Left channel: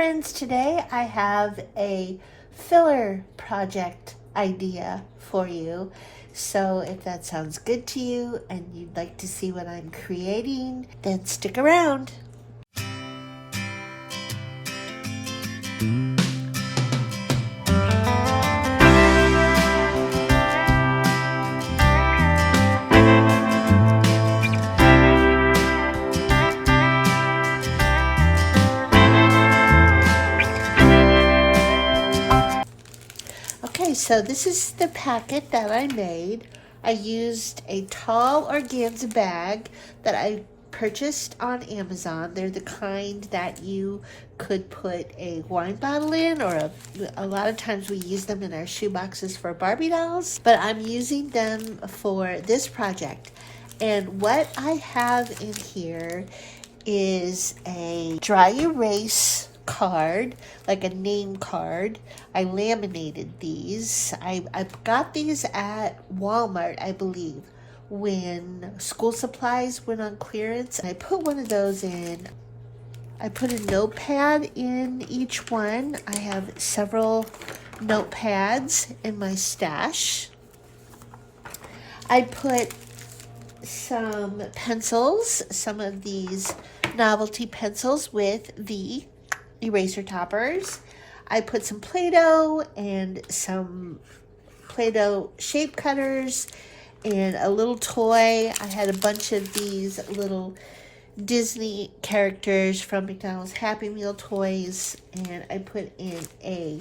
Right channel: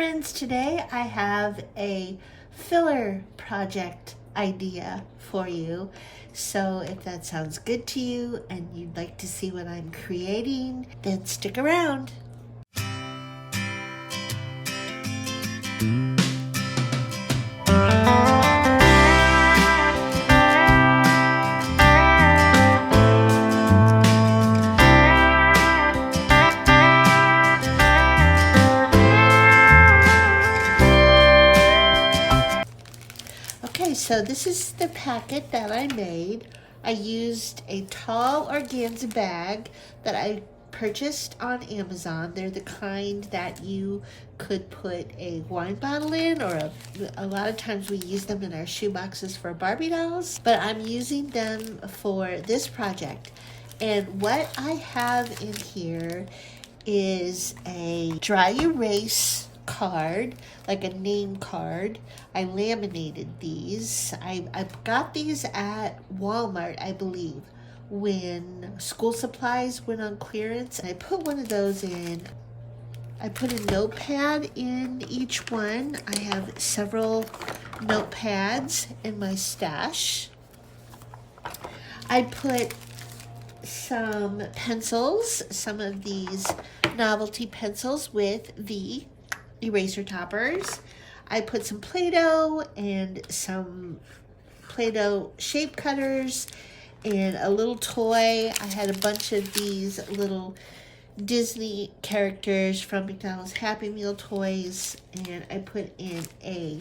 friends, today I have a filler project idea for you. So if that sounds good to you and you'd like to see what I'm creating, then stick around. Okay, so this is the packet that I made. I used a tall organza bag that I purchased on Amazon. They're the kind that you could put a wine bottle in, or a lot of times we use them in our shoeboxes for Barbie dolls, but I'm using them for this project. And what I have in here is a dry erase card, like a name card. I laminated these. I got these at Walmart, I believe, when school supplies went on clearance. I put one of those in. I put a notepad in each one. I have several notepads in my stash. I put some pencils, some of these novelty pencils with the eraser toppers. I put some Play-Doh and some Play-Doh shape cutters and a little toy. I had a bunch of these little Disney characters from McDonald's Happy Meal toys, and I put in a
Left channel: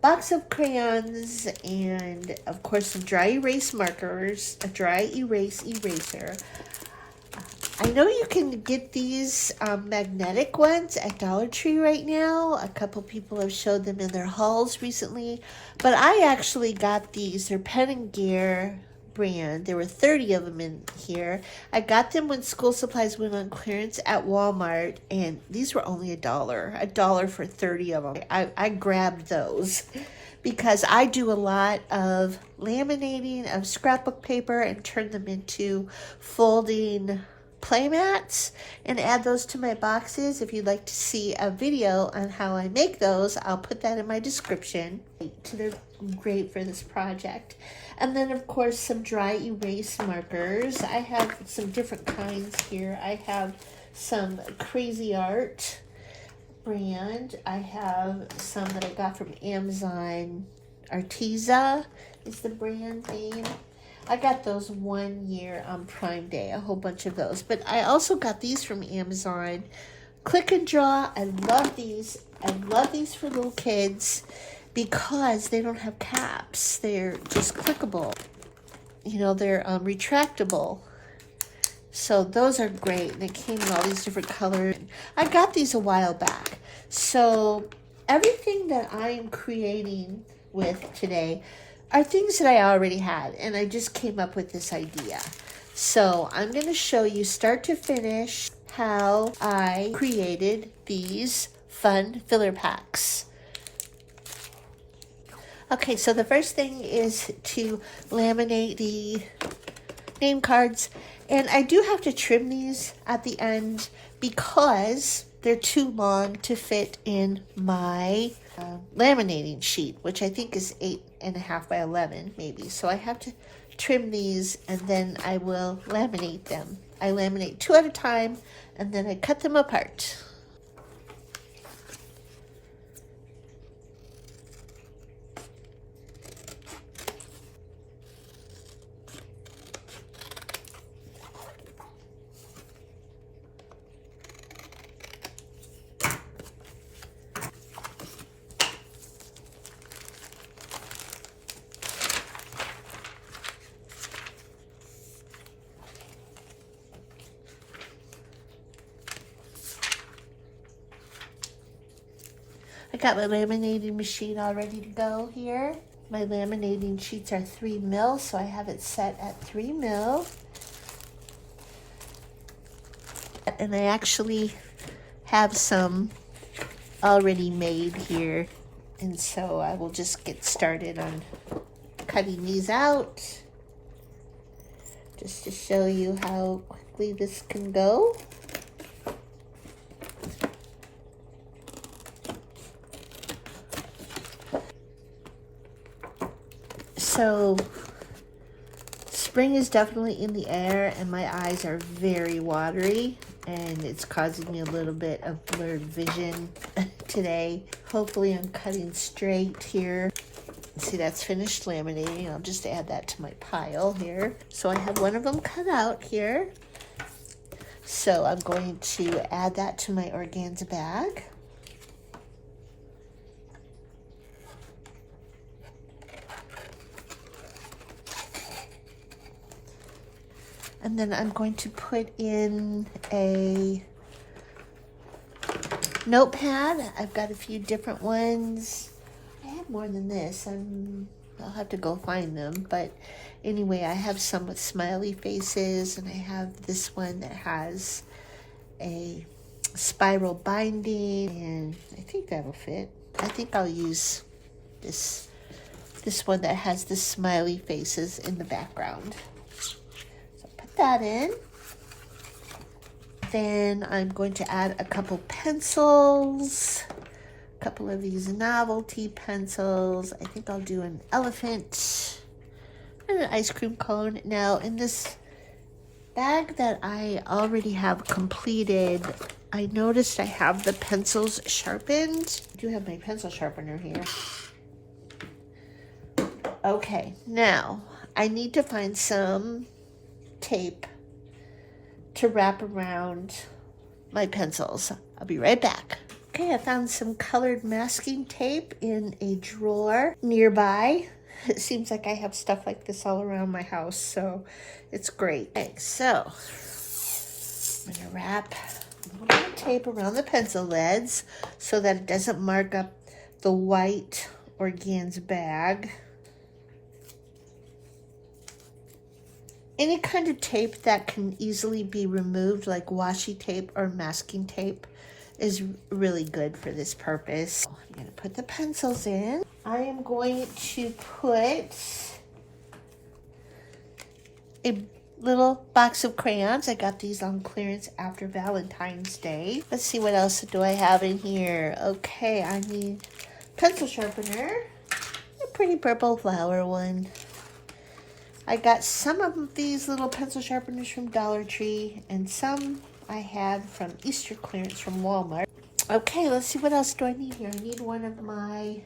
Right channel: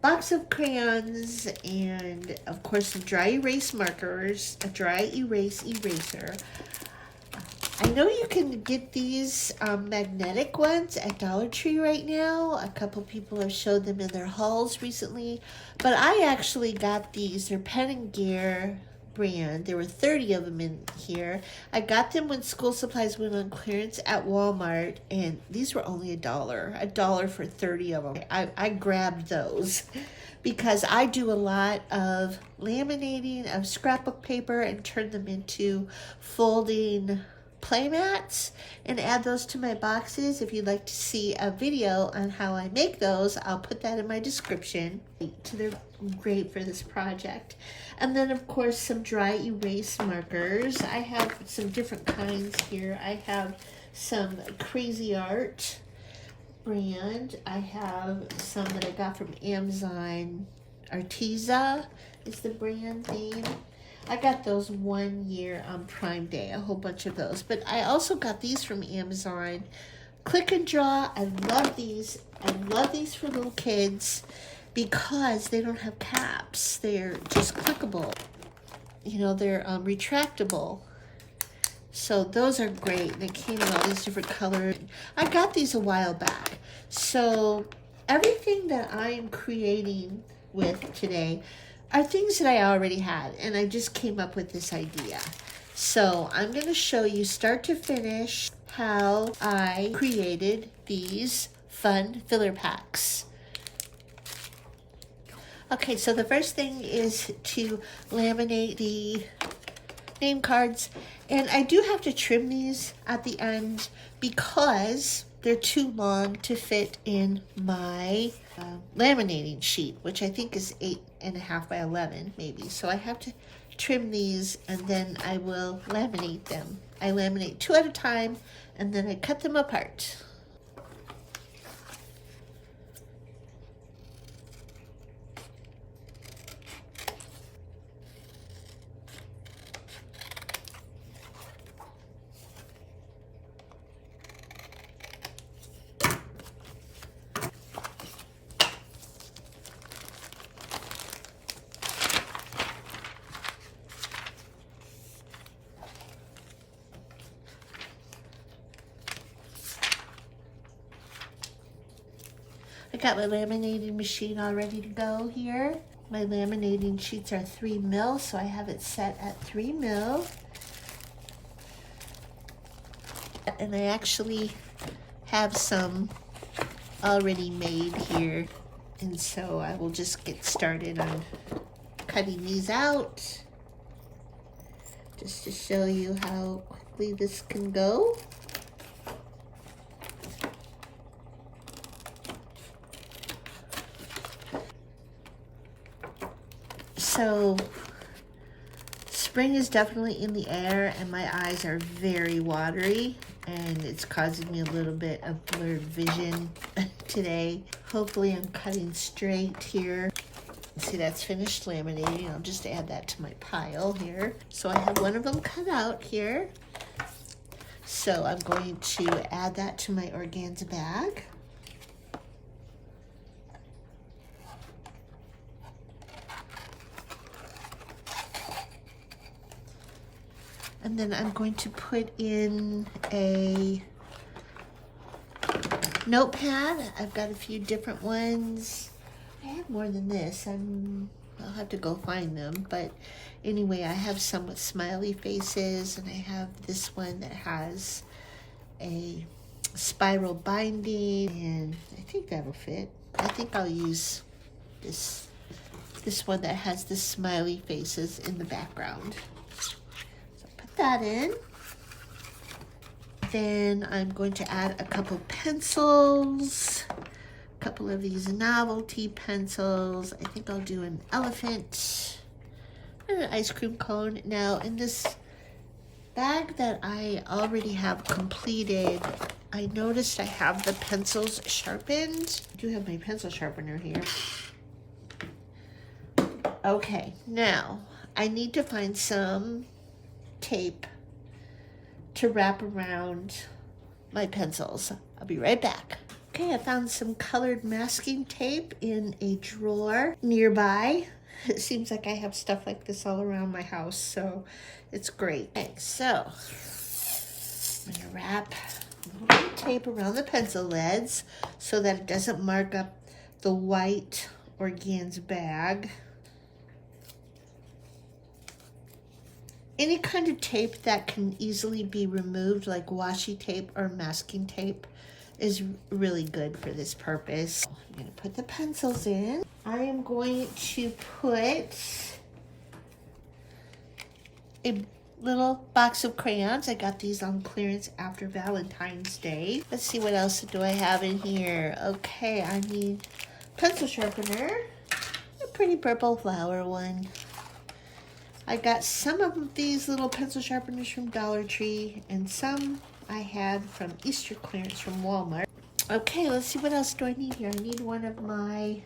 box of crayons and of course some dry erase markers, a dry erase eraser. I know you can get these magnetic ones at Dollar Tree right now. A couple people have showed them in their hauls recently, but I actually got these. They're Pen & Gear brand. There were 30 of them in here. I got them when school supplies went on clearance at Walmart, and these were only $1 for 30 of them. I grabbed those because I do a lot of laminating of scrapbook paper and turn them into folding playmats and add those to my boxes. If you'd like to see a video on how I make those, I'll put that in my description. So they're great for this project. And then of course some dry erase markers. I have some different kinds here. I have some Crazy Art brand. I have some that I got from Amazon. Arteza is the brand name. I got those 1 year on Prime Day, a whole bunch of those. But I also got these from Amazon. Click and Draw, I love these. I love these for little kids because they don't have caps. They're just clickable. You know, they're retractable. So those are great. They came in all these different colors. I got these a while back. So everything that I am creating with today are things that I already had, and I just came up with this idea. So I'm going to show you start to finish how I created these fun filler packs. Okay, so the first thing is to laminate the name cards, and I do have to trim these at the end because they're too long to fit in my laminating sheet, which I think is 8.5 by 11 maybe. So I have to trim these and then I will laminate them. I laminate 2 at a time and then I cut them apart. I got my laminating machine all ready to go here. My laminating sheets are 3 mil, so I have it set at 3 mil. And I actually have some already made here, and so I will just get started on cutting these out just to show you how quickly this can go. so spring is definitely in the air and my eyes are very watery and it's causing me a little bit of blurred vision today. Hopefully I'm cutting straight here. See, that's finished laminating. I'll just add that to my pile here. So I have one of them cut out here. So I'm going to add that to my organza bag. And then I'm going to put in a notepad. I've got a few different ones. I have more than this. I'll have to go find them. But anyway, I have some with smiley faces, and I have this one that has a spiral binding, and I think that'll fit. I think I'll use this one that has the smiley faces in the background. That in. Then I'm going to add a couple pencils, a couple of these novelty pencils. I think I'll do an elephant and an ice cream cone. Now in this bag that I already have completed, I noticed I have the pencils sharpened. I do have my pencil sharpener here. Okay, now I need to find some tape to wrap around my pencils. I'll be right back. Okay, I found some colored masking tape in a drawer nearby. It seems like I have stuff like this all around my house, so it's great. Okay, so I'm gonna wrap a little bit of tape around the pencil leads so that it doesn't mark up the white organza bag. Any kind of tape that can easily be removed, like washi tape or masking tape, is really good for this purpose. I'm going to put the pencils in. I am going to put a little box of crayons. I got these on clearance after Valentine's Day. Let's see, what else do I have in here? Okay, I need pencil sharpener, a pretty purple flower one. I got some of these little pencil sharpeners from Dollar Tree, and some I had from Easter clearance from Walmart. Okay, let's see, what else do I need here? I need one of my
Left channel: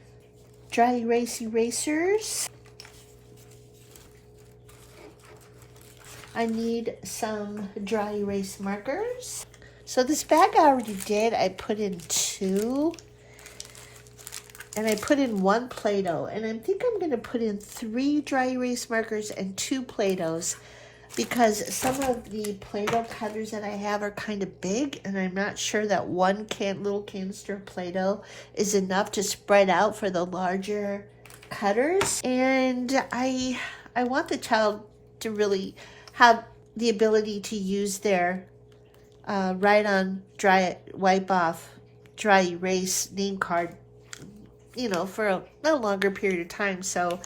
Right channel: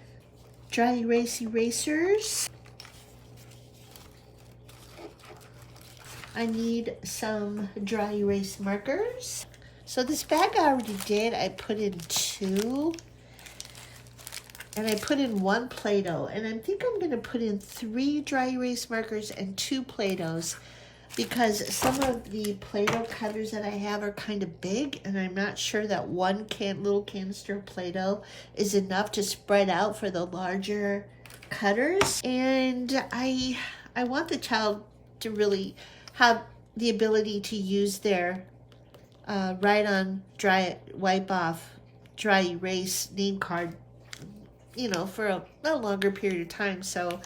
dry erase erasers. I need some dry erase markers. So this bag I already did, I put in 2. And I put in 1 Play-Doh, and I think I'm going to put in 3 dry erase markers and 2 Play-Dohs, because some of the Play-Doh cutters that I have are kind of big, and I'm not sure that one little canister of Play-Doh is enough to spread out for the larger cutters. And I want the child to really have the ability to use their write-on, wipe-off, dry erase name card, you know, for a longer period of time. So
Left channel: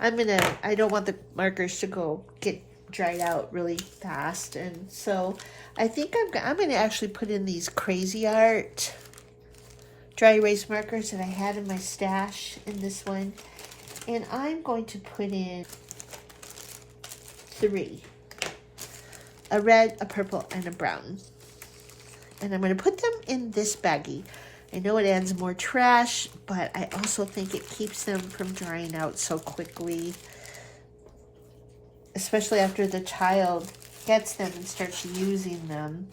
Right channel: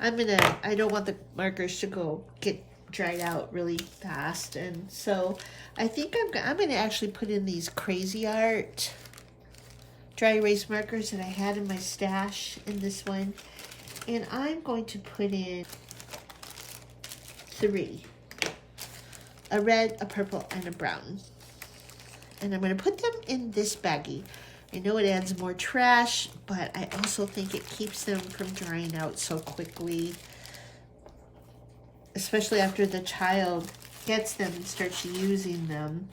I don't want the markers to get dried out really fast. And so I think I'm gonna actually put in these Crazy Art dry erase markers that I had in my stash in this one. And I'm going to put in 3. A red, a purple, and a brown. And I'm gonna put them in this baggie. I know it adds more trash, but I also think it keeps them from drying out so quickly, especially after the child gets them and starts using them.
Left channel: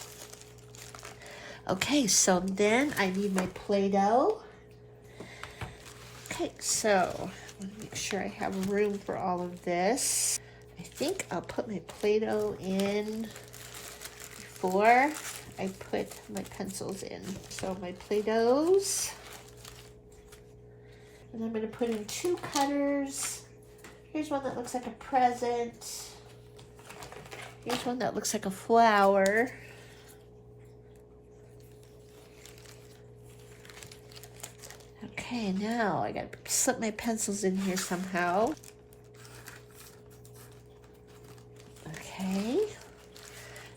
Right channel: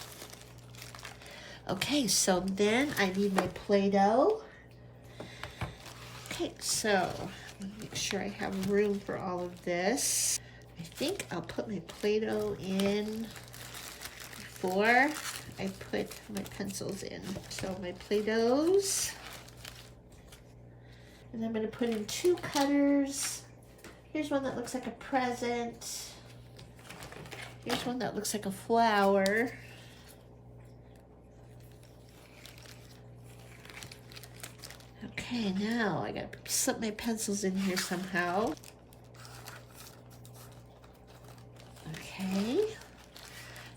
Okay, so then I need my Play-Doh. Okay, so let me make sure I have room for all of this. I think I'll put my Play-Doh in before I put my pencils in. So my Play-Dohs. And I'm going to put in 2 cutters. Here's one that looks like a present. Here's one that looks like a flower. Okay, now I got to slip my pencils in here somehow. Okay.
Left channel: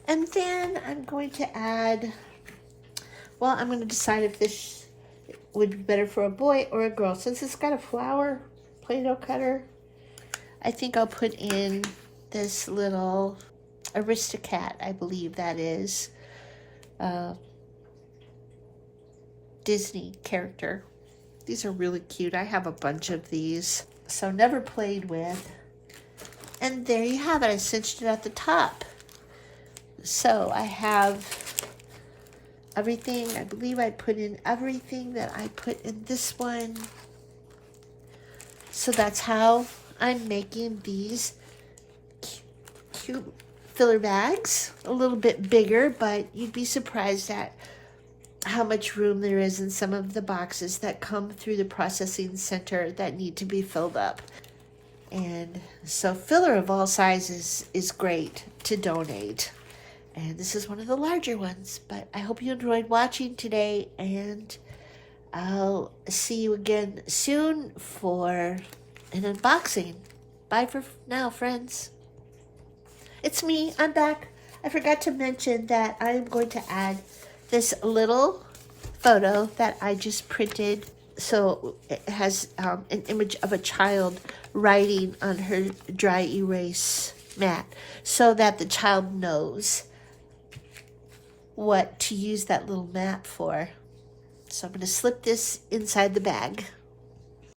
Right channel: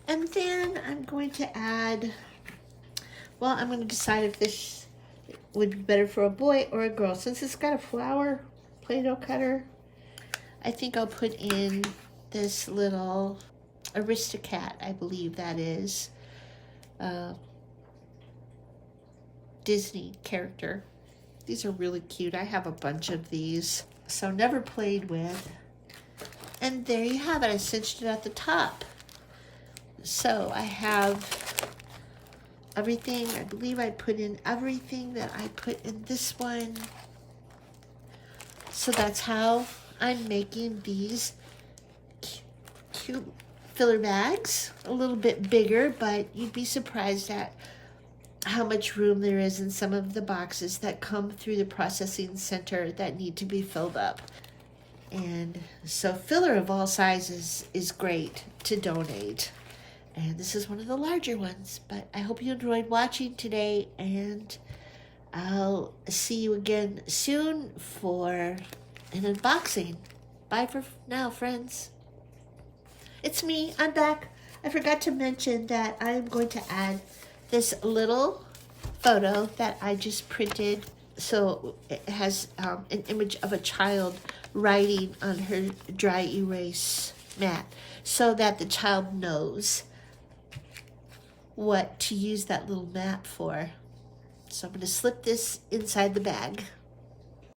And then I'm going to add, well, I'm going to decide if this would be better for a boy or a girl. Since it's got a flower Play-Doh cutter, I think I'll put in this little Aristocat, I believe that is. Disney character. These are really cute. I have a bunch of these, so never played with. And there you have it. I cinched it at the top. So I have everything. I believe I put in everything that I put in this one. So that's how I'm making these cute filler bags. A little bit bigger, but you'd be surprised at how much room there is in some of the boxes that come through the processing center that need to be filled up. And so filler of all sizes is great to donate. And this is one of the larger ones. But I hope you enjoyed watching today, and I'll see you again soon for an unboxing. Bye for now, friends. It's me. I'm back. I forgot to mention that I'm going to add this little photo that I just printed. So it has an image of a child writing on her dry erase mat, so that the child knows what to use that little mat for. So I'm going to slip this inside the bag.